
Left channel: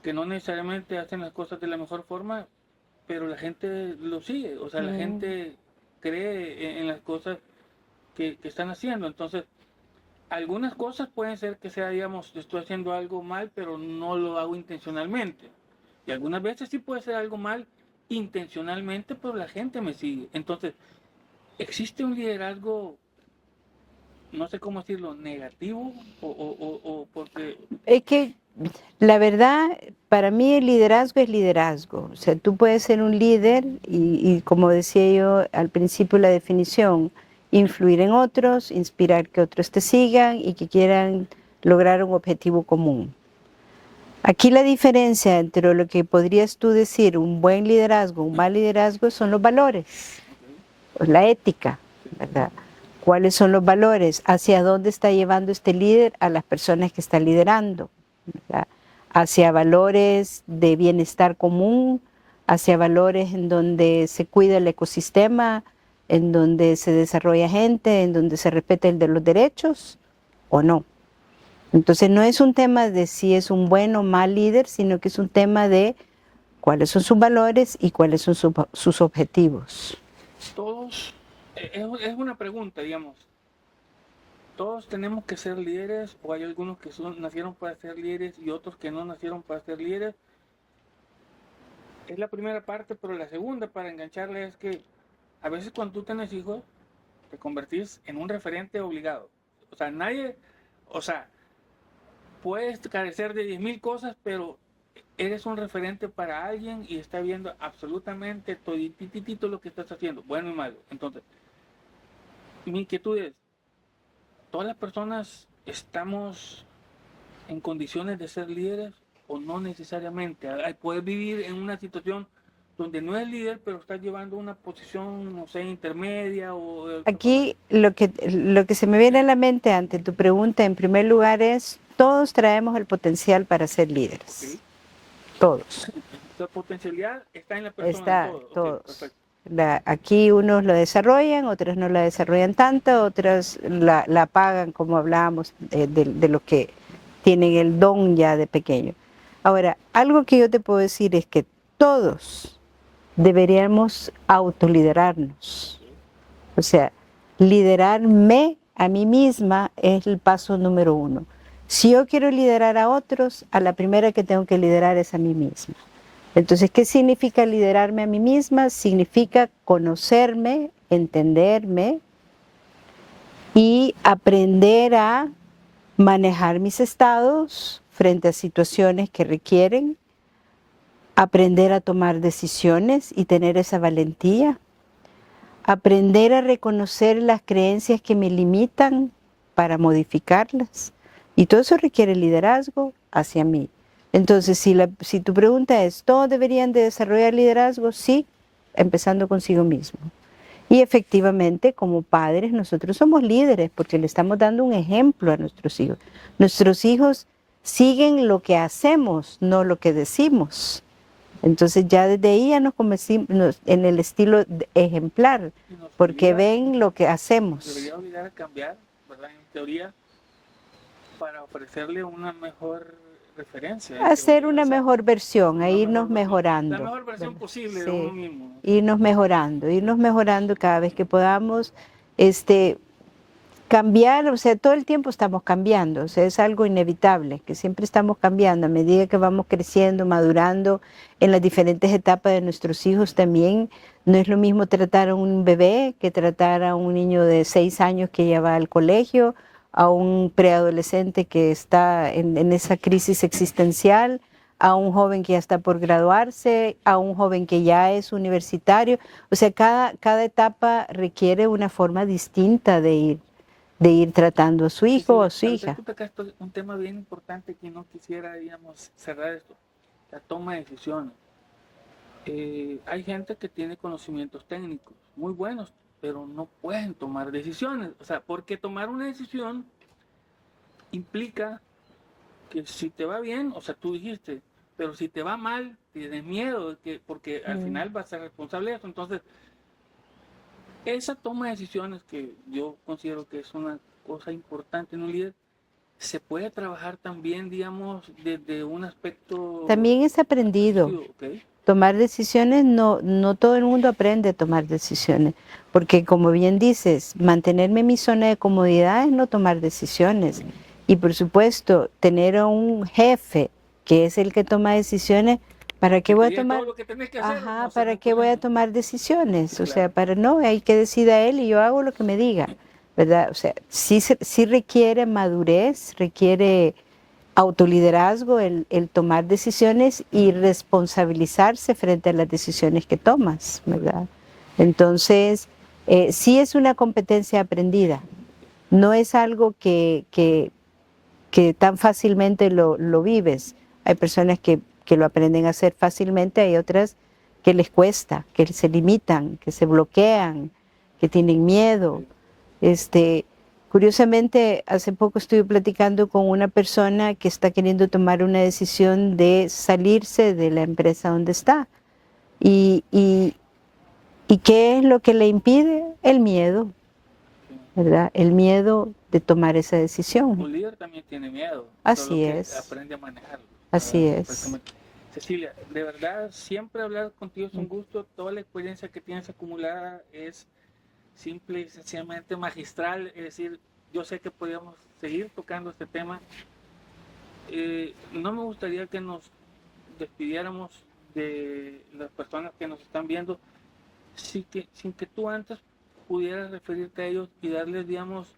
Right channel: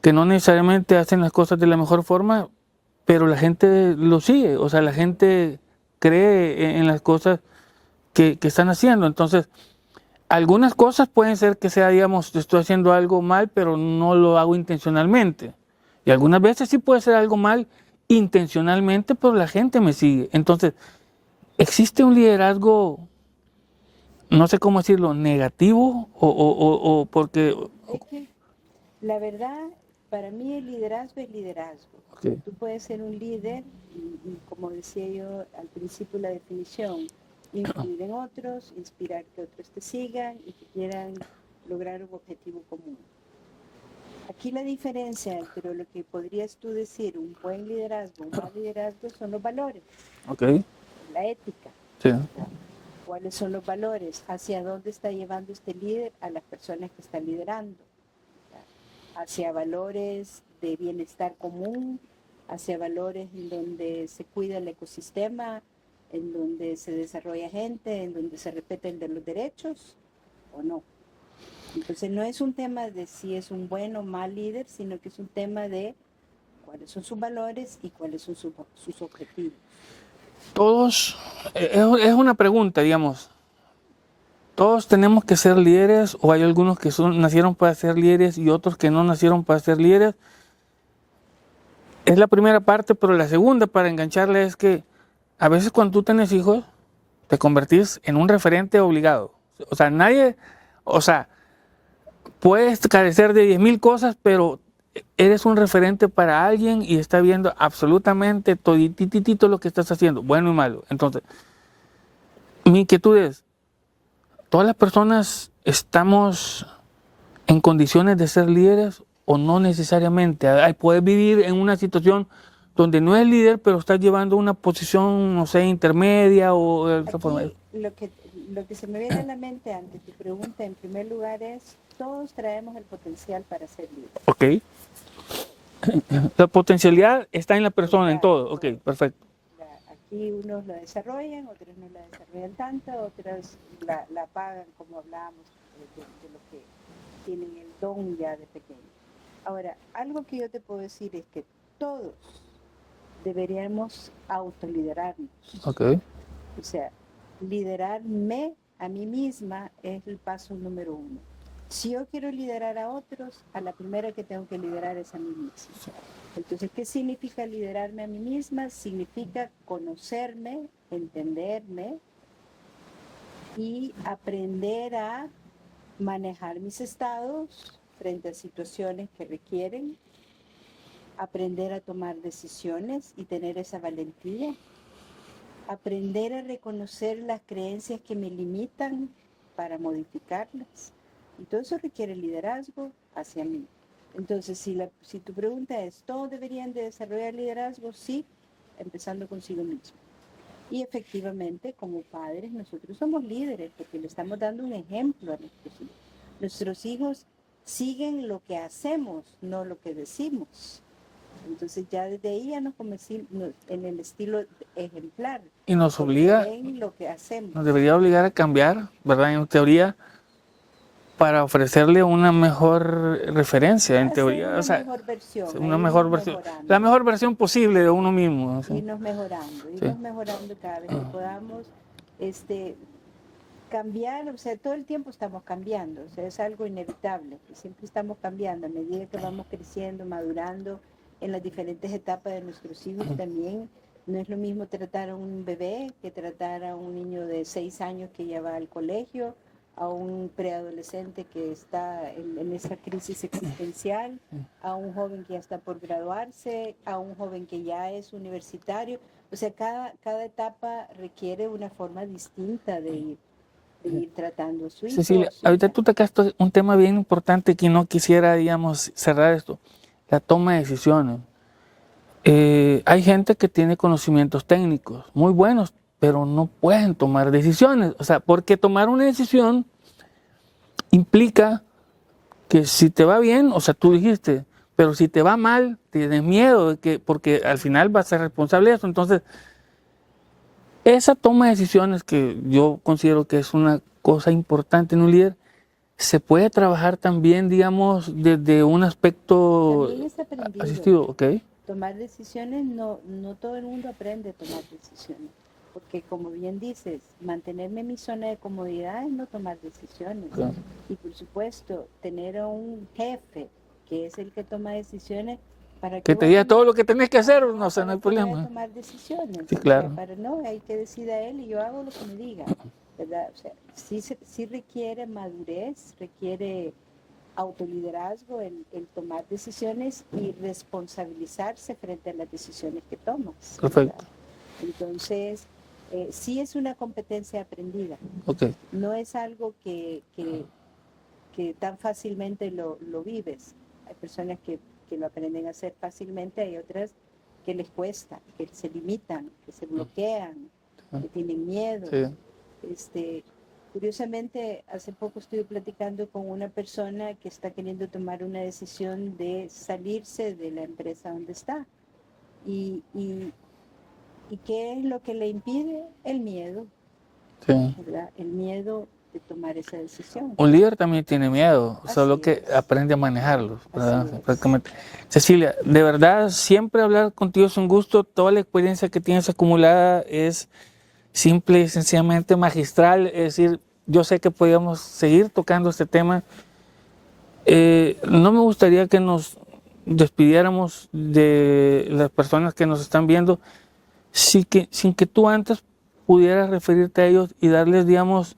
que no necesariamente hacen las cosas de la mejor forma, pero la gente lo sigue, o sea, la gente cree en las cosas que están haciendo. Entonces, algunas cosas pueden ser que sea, digamos, estoy haciendo algo mal, pero no lo hago intencionalmente. Y algunas veces sí puede ser algo mal intencionalmente, pero la gente me sigue. Entonces, ¿existe un liderazgo, no sé cómo decirlo, negativo? O porque... Es que la verdad, para mí el liderazgo es liderazgo. O sea, Sí. tú puedes ser un líder y como decía yo al principio la definición, influir en otros, inspirar que otros te sigan y que quieran lograr un objetivo común. Aquí la diferencia entre lo que podrías tú decir un buen liderazgo, un mal liderazgo, son los valores, Ok, la ética, sí. ¿verdad? ¿Cuáles son los valores? ¿Hacia dónde está llevando este líder a las personas que está liderando? ¿Verdad? Hacia valores de bienestar común, hacia valores en donde se cuida el ecosistema, en donde se desarrolla gente, en donde se respeta el de los derechos, ¿o no? Entonces no es un tema de si es un buen o mal líder, sino que es un tema de cuáles son sus valores y cuáles son sus objetivos. Todos, es una pregunta, digamos, ¿todos tenemos que ser líderes o hay algunos que nacieron para ser líderes y otros que no nacieron para ser líderes? Es la primera parte, pero la segunda para engancharle es que a veces cuando tú tienes hijos, te convertís en un referente obligado. O sea, nadie, o sea, puedes carecer de 10,000 cosas, pero eres un referente para alguien y está viendo absolutamente todititito lo que estás haciendo, bueno y malo. Entonces, mi inquietud es, ¿todas las personas estamos en condiciones de ser líderes o no necesariamente? Puedes vivir en una situación donde no es líder, pero estás llevando una posición, no sé, intermedia o... Aquí lo que se me viene a la mente ante tu pregunta, en primer lugar, es todos traemos el potencial para ser líderes. Ok. Todos. La potencialidad está en la persona, en Está, todo. Ok, todos. perfecto. Aquí unos lo desarrollan, otros no la desarrollan tanto, otros la apagan, como hablábamos, de lo que tienen el don ya de pequeño. Ahora, algo que yo te puedo decir es que todos deberíamos autoliderarnos. Ok. O sea, liderarme a mí misma es el paso número 1. Si yo quiero liderar a otros, a la primera que tengo que liderar es a mí misma. Entonces, ¿qué significa liderarme a mí misma? Significa conocerme, entenderme y aprender a manejar mis estados frente a situaciones que requieren, aprender a tomar decisiones y tener esa valentía, aprender a reconocer las creencias que me limitan para modificarlas. Y todo eso requiere liderazgo hacia mí. Entonces, si tu pregunta es, ¿todos deberían de desarrollar liderazgo? Sí, empezando consigo mismo. Y efectivamente, como padres, nosotros somos líderes porque le estamos dando un ejemplo a nuestros hijos. Nuestros hijos siguen lo que hacemos, no lo que decimos. Entonces ya desde ahí ya nos convertimos en el estilo ejemplar, Y nos porque obliga, ven lo que hacemos. nos debería obligar a cambiar, ¿verdad? En teoría, para ofrecerle una mejor referencia. En Hacer teoría. una O sea, mejor versión, una irnos mejor versión, mejorando. la mejor versión posible de Sí, uno mismo. ¿Sí? irnos mejorando cada vez que podamos. Cambiar, o sea, todo el tiempo estamos cambiando, o sea, es algo inevitable, que siempre estamos cambiando a medida que vamos creciendo, madurando en las diferentes etapas de nuestros hijos también. No es lo mismo tratar a un bebé que tratar a un niño de 6 años que ya va al colegio, a un preadolescente que está en esa crisis existencial, a un joven que ya está por graduarse, a un joven que ya es universitario. O sea, cada etapa requiere una forma distinta de ir tratando a su hijo Sí, o a su ahorita hija. tú tocaste un tema bien importante que no quisiera, digamos, cerrar esto, la toma de decisiones. Hay gente que tiene conocimientos técnicos muy buenos, pero no pueden tomar decisiones. O sea, porque tomar una decisión implica que si te va bien, o sea, tú dijiste, pero si te va mal, tienes miedo, porque al final vas a ser responsable de eso. Entonces, esa toma de decisiones que yo considero que es una cosa importante en un líder, se puede trabajar también, digamos, desde un aspecto También es aprendido. asistido, ¿ok? Tomar decisiones, no todo el mundo aprende a tomar decisiones, porque como bien dices, mantenerme en mi zona de comodidad es no tomar decisiones. Claro. Y por supuesto, tener a un jefe que es el que toma decisiones ¿para qué Que te voy a diga tomar? todo lo que tenés que hacer, Ajá, no, o sea, no ¿para hay qué voy a problema. tomar decisiones? Sí, O sea, claro. para no, hay que decida él y yo hago lo que me diga, ¿verdad? O sea, sí requiere madurez, requiere autoliderazgo el tomar decisiones y responsabilizarse frente a las decisiones que tomas, Perfecto. ¿verdad? Entonces, sí es una competencia aprendida, Ok. no es algo que tan fácilmente lo vives. Hay personas que lo aprenden a hacer fácilmente, hay otras que les cuesta, que se limitan, que se bloquean, que tienen miedo. Sí. Curiosamente, hace poco estuve platicando con una persona que está queriendo tomar una decisión de salirse de la empresa donde está. ¿Y qué es lo que le impide? El miedo, Sí. ¿verdad? El miedo de tomar esa decisión. Un líder también tiene miedo, solo Así que es, aprende a manejarlo, así ¿verdad? es. Prácticamente. Cecilia, de verdad, siempre hablar contigo es un gusto. Toda la experiencia que tienes acumulada es simple y sencillamente magistral. Es decir, yo sé que podríamos seguir tocando este tema. No me gustaría que nos despidiéramos de las personas que nos están viendo sin que tú antes pudieras referirte a ellos y darles, digamos,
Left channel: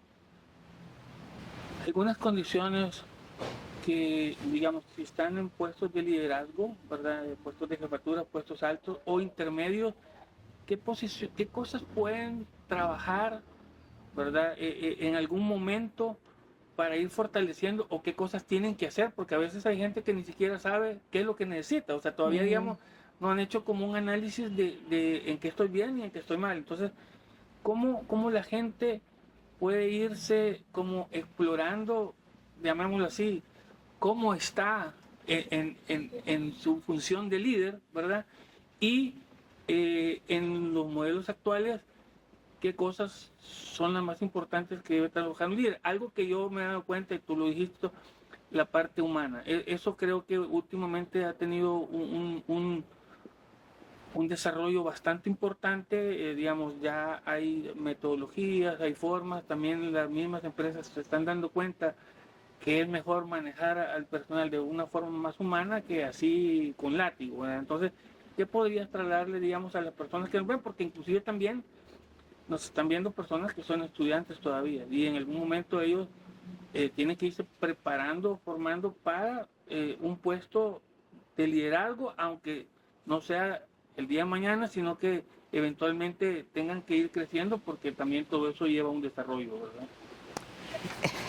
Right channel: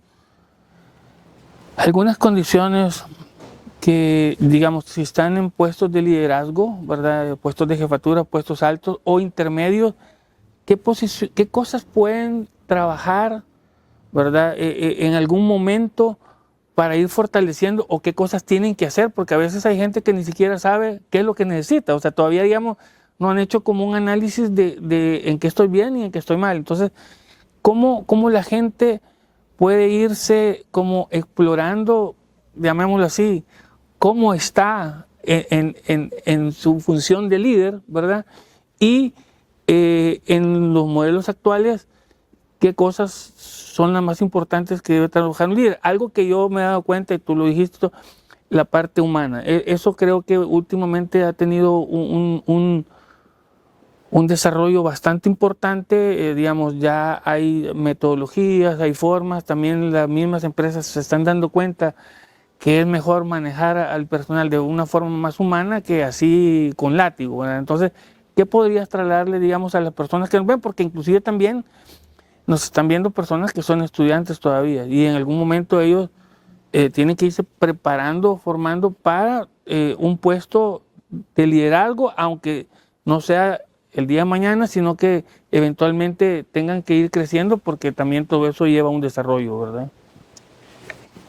algunas condiciones que, digamos, si están en puestos de liderazgo, ¿verdad? Puestos de jefatura, puestos altos o intermedios, qué cosas pueden trabajar, ¿verdad? En algún momento para ir fortaleciendo o qué cosas tienen que hacer, porque a veces hay gente que ni siquiera sabe qué es lo que necesita, o sea, todavía, digamos, no han hecho como un análisis de en qué estoy bien y en qué estoy mal. Entonces, ¿cómo la gente puede irse como explorando, llamémoslo así, cómo está en su función de líder, ¿verdad? Y en los modelos actuales, qué cosas son las más importantes que debe trabajar un líder. Algo que yo me he dado cuenta, y tú lo dijiste, la parte humana. Eso creo que últimamente ha tenido un desarrollo bastante importante, digamos, ya hay metodologías, hay formas, también las mismas empresas se están dando cuenta que es mejor manejar al personal de una forma más humana que así con látigo, ¿verdad? Entonces, ¿qué podrías trasladarle, digamos, a las personas que nos ven? Porque inclusive también nos están viendo personas que son estudiantes todavía y en algún momento ellos tienen que irse preparando, formando para un puesto de liderazgo, aunque no sea el día de mañana, sino que eventualmente tengan que ir creciendo porque también todo eso lleva a un desarrollo, ¿verdad?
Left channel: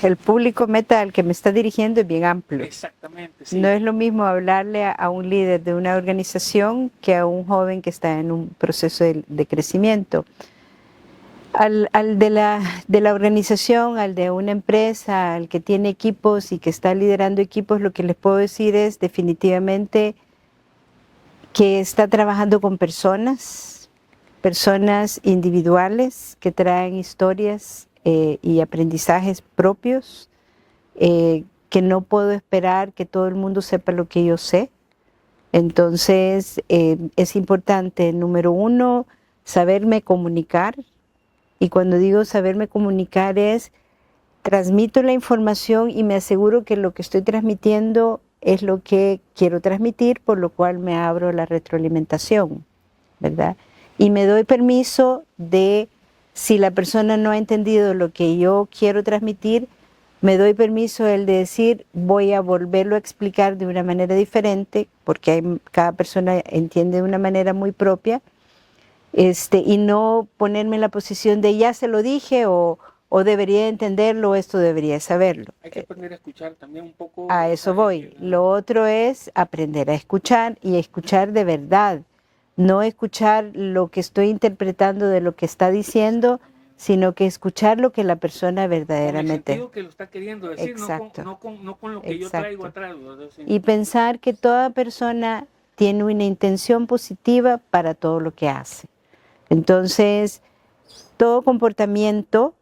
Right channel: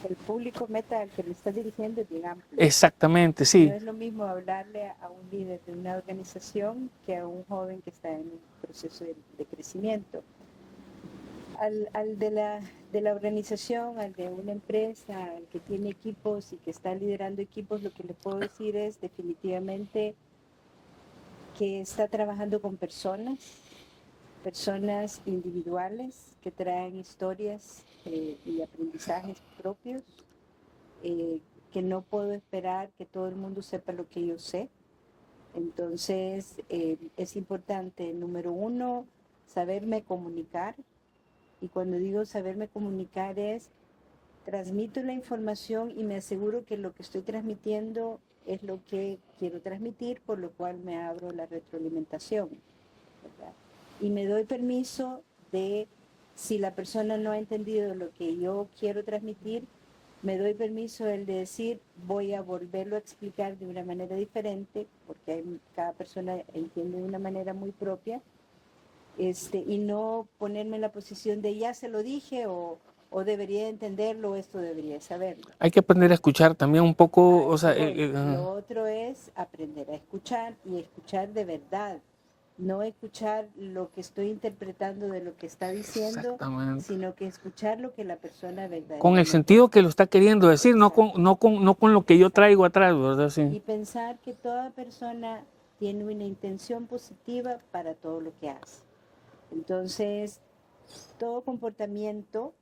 El público meta al que me está dirigiendo es bien amplio. Exactamente, No sí. es lo mismo hablarle a un líder de una organización que a un joven que está en un proceso de crecimiento. Al de la organización, al de una empresa, al que tiene equipos y que está liderando equipos, lo que les puedo decir es definitivamente que está trabajando con personas individuales que traen historias y aprendizajes propios, que no puedo esperar que todo el mundo sepa lo que yo sé. Entonces, es importante, número uno, saberme comunicar. Y cuando digo saberme comunicar es, transmito la información y me aseguro que lo que estoy transmitiendo es lo que quiero transmitir, por lo cual me abro la retroalimentación, ¿verdad? Y me doy permiso de, si la persona no ha entendido lo que yo quiero transmitir, me doy permiso el de decir, voy a volverlo a explicar de una manera diferente, porque cada persona entiende de una manera muy propia, y no ponerme en la posición de ya se lo dije o debería entenderlo o esto debería saberlo. Hay que aprender a escuchar también un poco, A o eso sea, voy. Lo otro es aprender a escuchar y escuchar de verdad. No escuchar lo que estoy interpretando de lo que está diciendo, exactamente. sino que escuchar lo que la persona verdaderamente... Con el sentido que lo está queriendo decir, Exacto. no con lo que yo traigo Exacto. atrás, ¿verdad? Sí. Y pensar que toda persona tiene una intención positiva para todo lo que hace. Entonces, todo comportamiento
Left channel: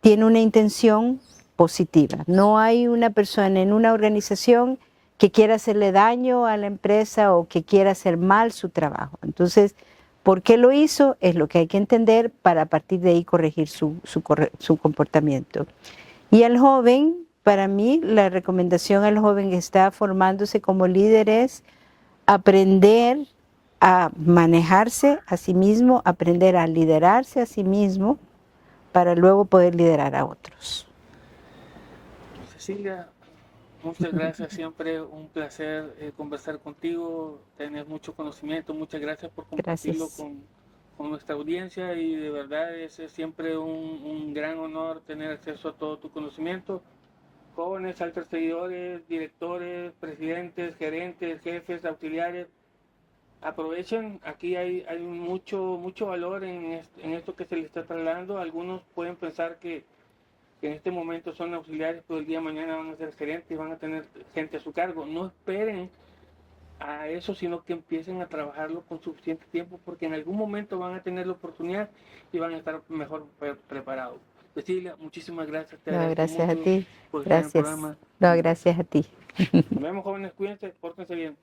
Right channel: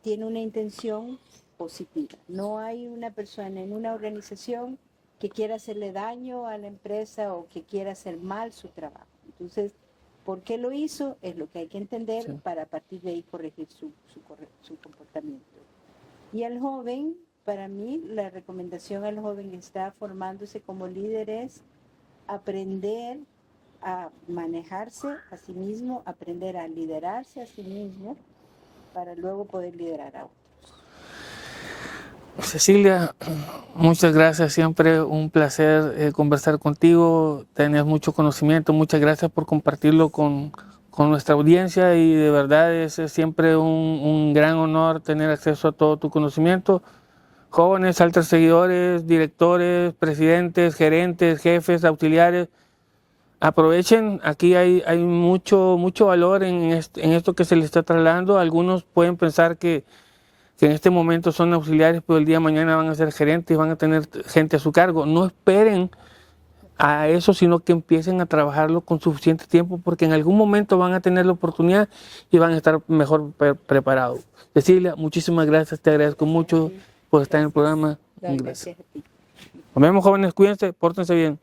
tiene una intención positiva. No hay una persona en una organización que quiera hacerle daño a la empresa o que quiera hacer mal su trabajo. Entonces, ¿por qué lo hizo? Es lo que hay que entender para a partir de ahí corregir su comportamiento. Y al joven, para mí, la recomendación al joven que está formándose como líder es aprender a manejarse a sí mismo, aprender a liderarse a sí mismo para luego poder liderar a otros. Cecilia, muchas gracias, siempre un placer conversar contigo, tenés mucho conocimiento, muchas gracias por compartirlo Gracias. con nuestra audiencia y de verdad es siempre un gran honor tener acceso a todo tu conocimiento. Jóvenes, altos seguidores, directores, presidentes, gerentes, jefes, auxiliares, aprovechen, aquí hay mucho valor en esto que se les está trasladando. Algunos pueden pensar que en este momento son auxiliares, pero el día de mañana van a ser gerentes y van a tener gente a su cargo. No esperen a eso, sino que empiecen a trabajarlo con suficiente tiempo, porque en algún momento van a tener la oportunidad y van a estar mejor preparados. Cecilia, muchísimas gracias, te No, agradezco gracias a mucho ti. por estar en el Gracias. programa. No, gracias a ti. Nos vemos, jóvenes, cuídense, pórtense bien.